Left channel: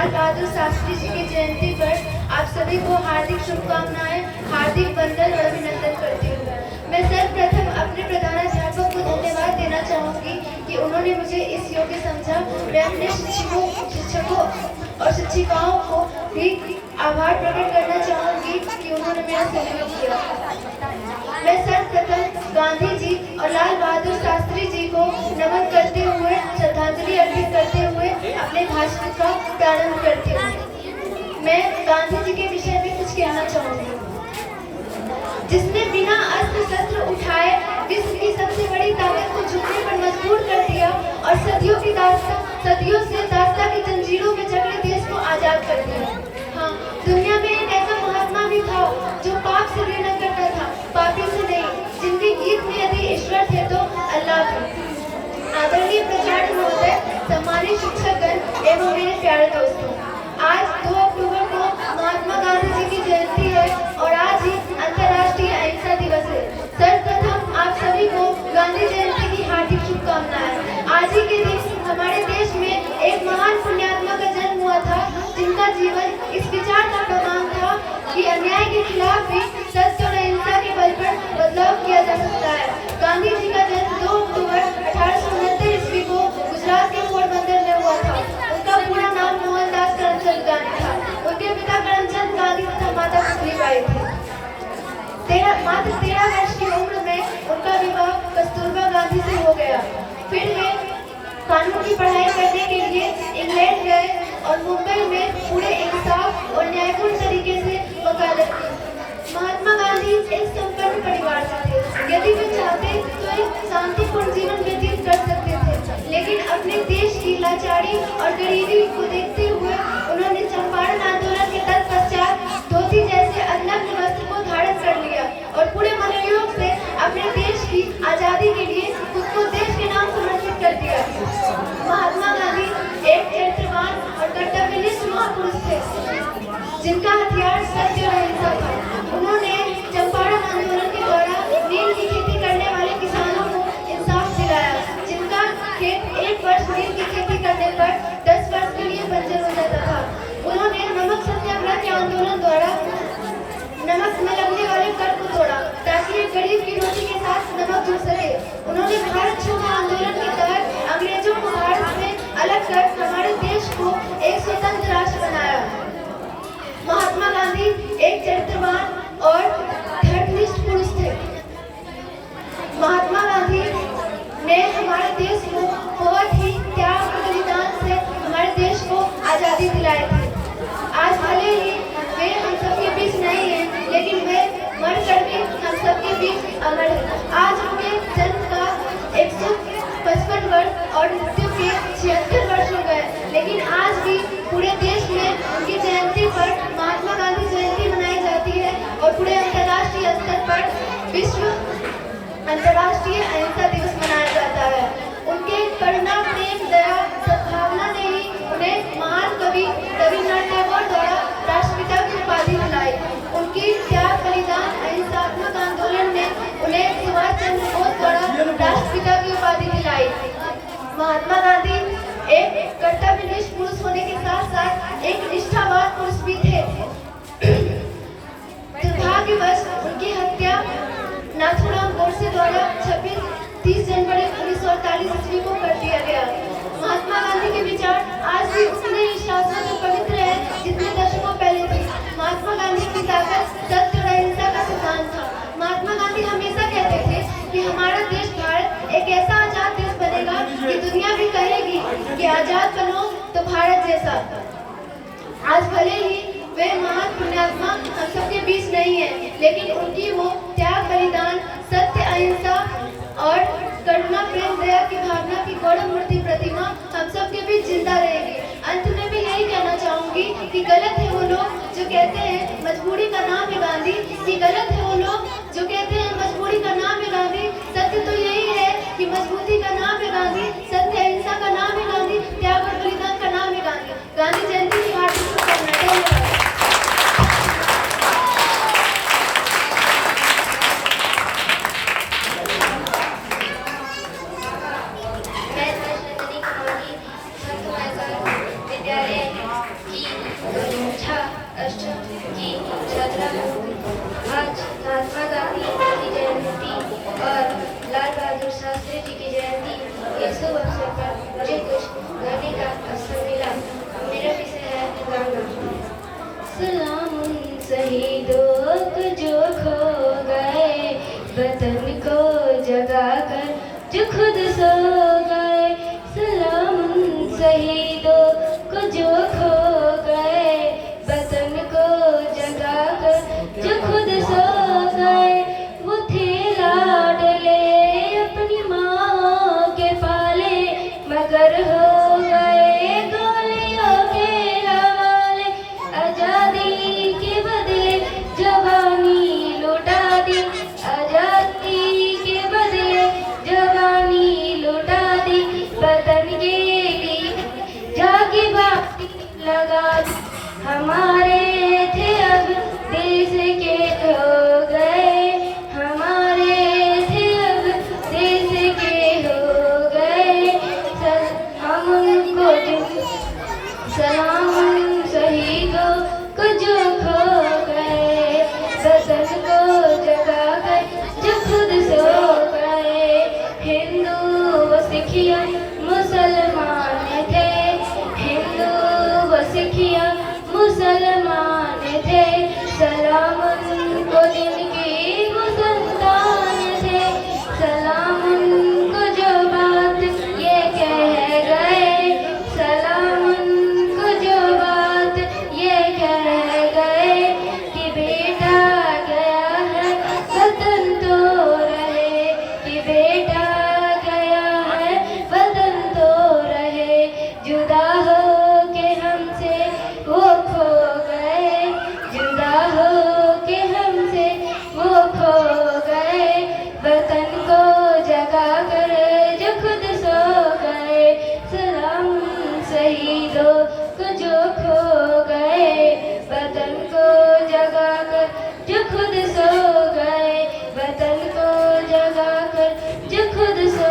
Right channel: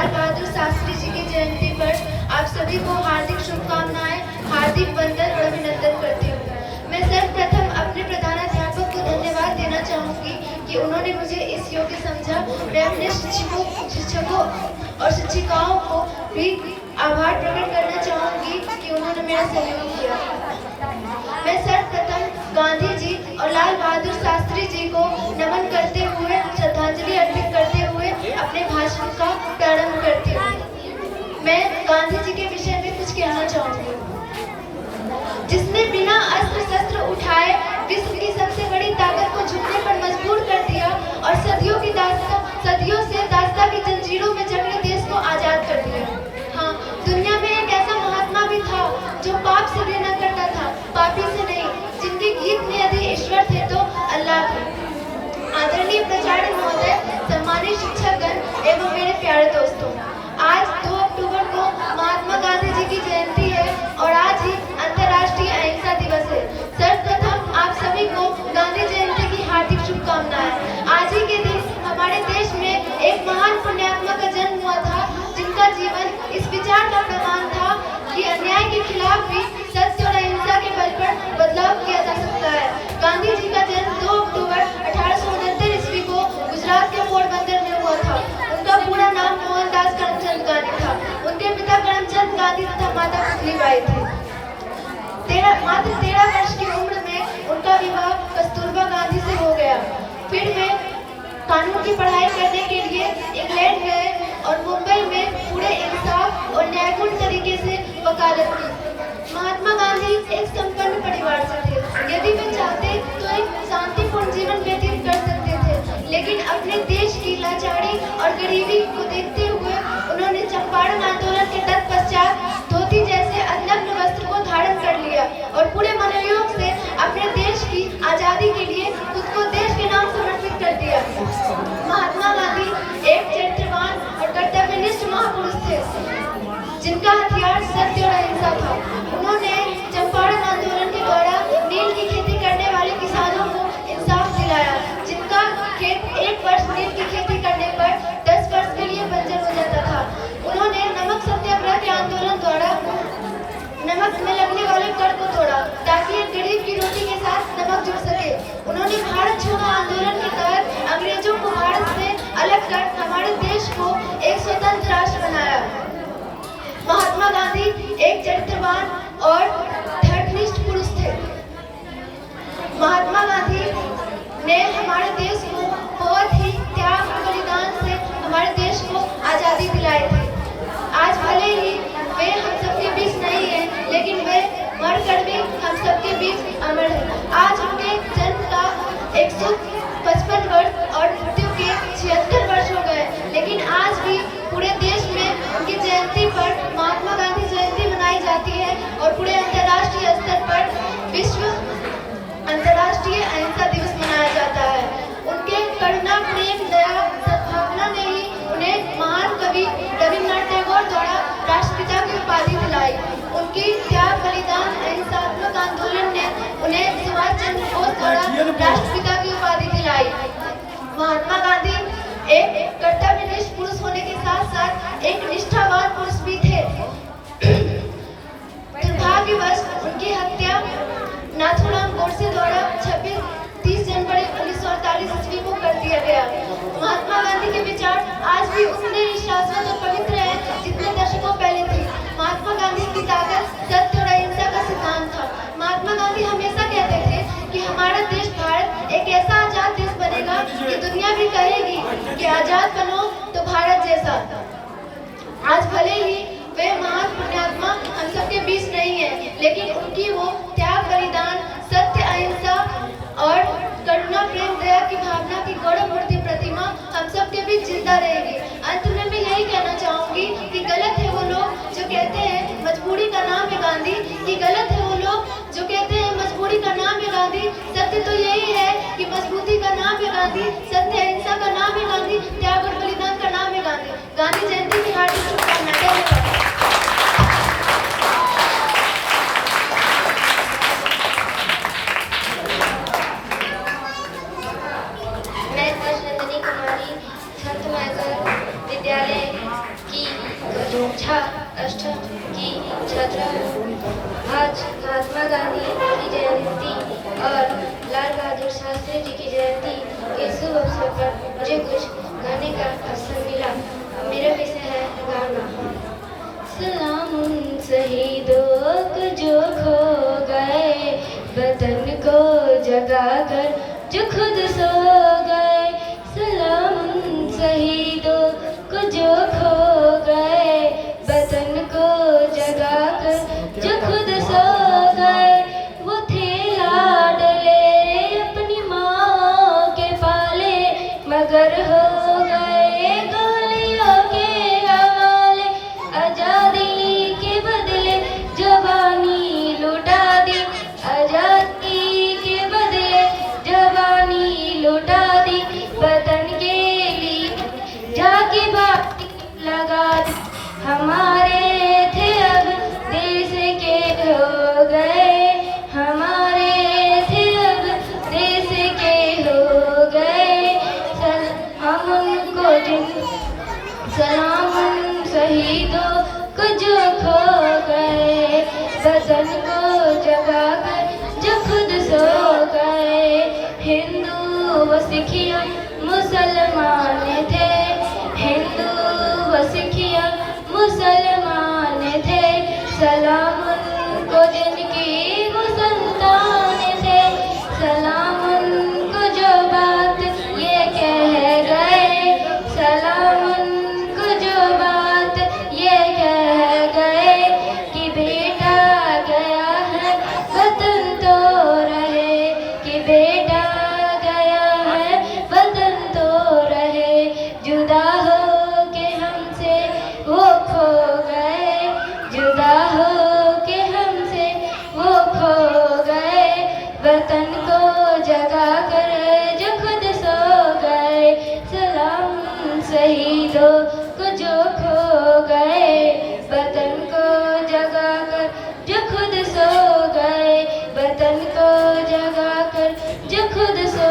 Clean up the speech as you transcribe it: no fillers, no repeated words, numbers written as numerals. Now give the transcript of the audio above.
लाल बहादुर शास्त्री जी की जयंती पर आप सभी को हार्दिक शुभकामनाएं, हार्दिक वंदन और अभिनंदन करती हूँ। मैं सर्वप्रथम अपने प्रधानाध्यापक को धन्यवाद देना चाहूँगी कि उन्होंने मुझे इस योग्य समझा। मैं अपने शिक्षकों और शिक्षिकाओं को भी आभार प्रकट करना चाहूँगी कि उन्होंने मेरा सहयोग किया। मैं सर्वप्रथम गांधी जी और लाल बहादुर शास्त्री जी को नमन करते हुए, श्रद्धांजलि अर्पित करते हुए अपने भाषण का प्रारंभ करती हूँ। मैं गांधी जी के विषय में कुछ कहना चाहूँगी। जिसने बिना अस्त्र शस्त्र उठाए विश्व की सबसे बड़ी ताकत को झुकने पर मजबूर कर दिया और सदियों से दास्ता की जंजीरों में जकड़े देश को आजाद कर दिया। हाँ, दुनिया में एक ऐसा महात्मा भी था जो पाप से घृणा करता था, पापी से नहीं, जिनके गीत में यदि ईश्वर थे तो अल्लाह थे। आदरणीय प्राचार्य महोदय, सम्मानित शिक्षकगण एवं मेरे प्यारे दोस्तों, आज 2 अक्टूबर को महात्मा गांधी जी की जयंती है और आज ही अंतर्राष्ट्रीय अहिंसा दिवस है। सर्वप्रथम आप सभी को गांधी जयंती की हार्दिक शुभकामनाएं। आज ही के दिन हमारे देश में एक महान पुण्यात्मा का जन्म हुआ था, जिनका जीवन इस विचार का प्रमाण था कि अन्याय के खिलाफ भी सत्य और अहिंसा के बल पर बदलाव किया जा सकता है। गांधी जी का जन्म 2 अक्टूबर 1869 ईस्वी को गुजरात के पोरबंदर में हुआ था। उनका पूरा नाम मोहनदास करमचंद गांधी था। उनके पिता करमचंद गांधी तथा माता पुतलीबाई थी। मात्र 13 वर्ष की उम्र में उनका विवाह कस्तूरबा गांधी से हो गया। फिर वे कानून की पढ़ाई करने के लिए इंग्लैंड गए और मुंबई में पूरे इंसाफ और न्यायपूर्ण तरीके से वकालत की। महात्मा गांधी एक संपन्न परिवार से थे। यदि वे चाहते तो एक शांतिपूर्ण जीवन व्यतीत कर सकते थे, लेकिन अपने देश की लाचारी और गरीबी को देखते हुए उन्होंने चंपारण आंदोलन के तत्पश्चात धोती जैसे अनग्न वस्त्र को धारण कर लिया और पूरे मनोयोग से अपने देश की आजादी के लिए खुद को देश के नाम समर्पित कर दिया। महात्मा गांधी एक चरित्रवान और कर्तव्यनिष्ठ महापुरुष थे, जिनका हथियार सत्य और अहिंसा था। उन्होंने चंपारण आंदोलन के दौरान नील की खेती करने वाले किसानों को इंसाफ दिलाया, जिनका खेत 1 वर्ष नील की खेती करने पर 10 वर्ष के लिए बंजर हो जाता था। उन्होंने नमक सत्याग्रह के आंदोलन द्वारा नमक में लगने वाले कर को तोड़ा, ताकि एक गरीब की रोटी के साथ नमक जुड़ सके। उन्होंने भारत छोड़ो आंदोलन के तहत अंग्रेजों को भारत से अलग कर हमारे देश को एक स्वतंत्र राष्ट्र बनाया। महात्मा गांधी एक चरित्रवान और धर्मनिष्ठ पुरुष थे। महात्मा गांधी ने हमारे देश को बहुत ही त्याग और बलिदान से हमारे देश को आजादी दिलाई थी। आज भले ही वे हम सबके बीच नहीं है, लेकिन वे मरकर भी हम सबके बीच अमर है। आज उनके जन्म का 155 वर्ष और मृत्यु के 76 वर्ष हो गए, लेकिन आज भी पूरे देश में उनकी जयंती पर महात्मा गांधी जयंती मनाई जाती है और पूरे अंतर्राष्ट्रीय स्तर पर विश्व अंतर्राष्ट्रीय अहिंसा दिवस मनाया जाता है। उनके करुणा, प्रेम, दया, सद्भावना ने ही उन्हें महान कवि रविन्द्रनाथ टैगोर द्वारा राष्ट्रपिता की उपाधि दिलाई। उनकी त्याग, बलिदान, अहिंसात्मक आंदोलन ने उन्हें सुभाष चंद्र बोस द्वारा राष्ट्रपिता की उपाधि दिलाई। महात्मा गांधी एक कर्तव्यनिष्ठ पुरुष होने के साथ साथ एक निष्ठावान पुरुष भी थे। दुर्भाग्यवश उनकी हत्या नाथूराम गोडसे द्वारा 30 जनवरी 1948 ईस्वी को कर दिया गया। महात्मा गांधी के विचार आज भी उतने ही शाश्वत और पवित्र हैं जितने दशकों पहले थे। महात्मा गांधी की ताकत सत्य और अहिंसा का सिद्धांत था। महात्मा गांधी हमेशा कहते थे कि हमारा देश भारत एक ऐसा आजाद देश बनेगा कि दुनिया भी कहेगी कि आजाद बनो तो भारत जैसा। आज भले ही वे महान पुण्यात्मा हम सबके बीच नहीं है, लेकिन उनकी वो त्याग, बलिदान, सत्य, अहिंसा और करुणा, प्रेम, दया की भावना की गौरव मूर्ति प्रतिमा हम सबके बीच जिंदा रहेगी। अंत में मैं यही कहना चाहूंगी कि गलत है वो लोग जो कहते हैं मजबूरी का नाम है गांधी, कि गलत है वो लोग जो कहते हैं मजबूरी का नाम है गांधी। सत्य तो यही है कि मजबूती का नाम है गांधी, सत्य अहिंसा का नाम है गांधी, त्याग और बलिदान का नाम है गांधी। गांधी जयंती की हार्दिक शुभकामनाएं। धन्यवाद। खुद सो गए। सलाम शहीदों को जो खो गए, वतन को जगा कर जो खुद सो गए। वो थे लाडले अपनी माँ के पाले, मगर हो गए गोलियों के हवाले। आजादी के बदले जवानी लुटा दी, आजादी के बदले जवानी लुटा दी। वतन के लिए जाके बाती लगा दी। हमारे थे अब देश के हो गए, हमारे थे अब देश के हो गए। हम उनको सलाम उन शहीदों को जो खो गए, वतन को जगा कर जो खुद सो गए। हिंदू व सिखिया मुसलमान थे, हिंदू व सिखिया मुसलमान थे। सलाम उनको जिनकी वो संतान थे, सलाम उनको जो बात ये कह गए, सलाम उनको जो बात ये कह गए कि बेटा गया है वतन तो रहे, कि बेटा गया है वतन तो रहे। जुदा हो के हमसे वो खो गए, जुदा हो के हमसे वो खो गए। वतन को जगा कर जो खुद सो गए। सलाम शहीदों को जो खो गए, वतन को जगा कर जो खुद सो गए, वतन को जगा कर जो खुद सो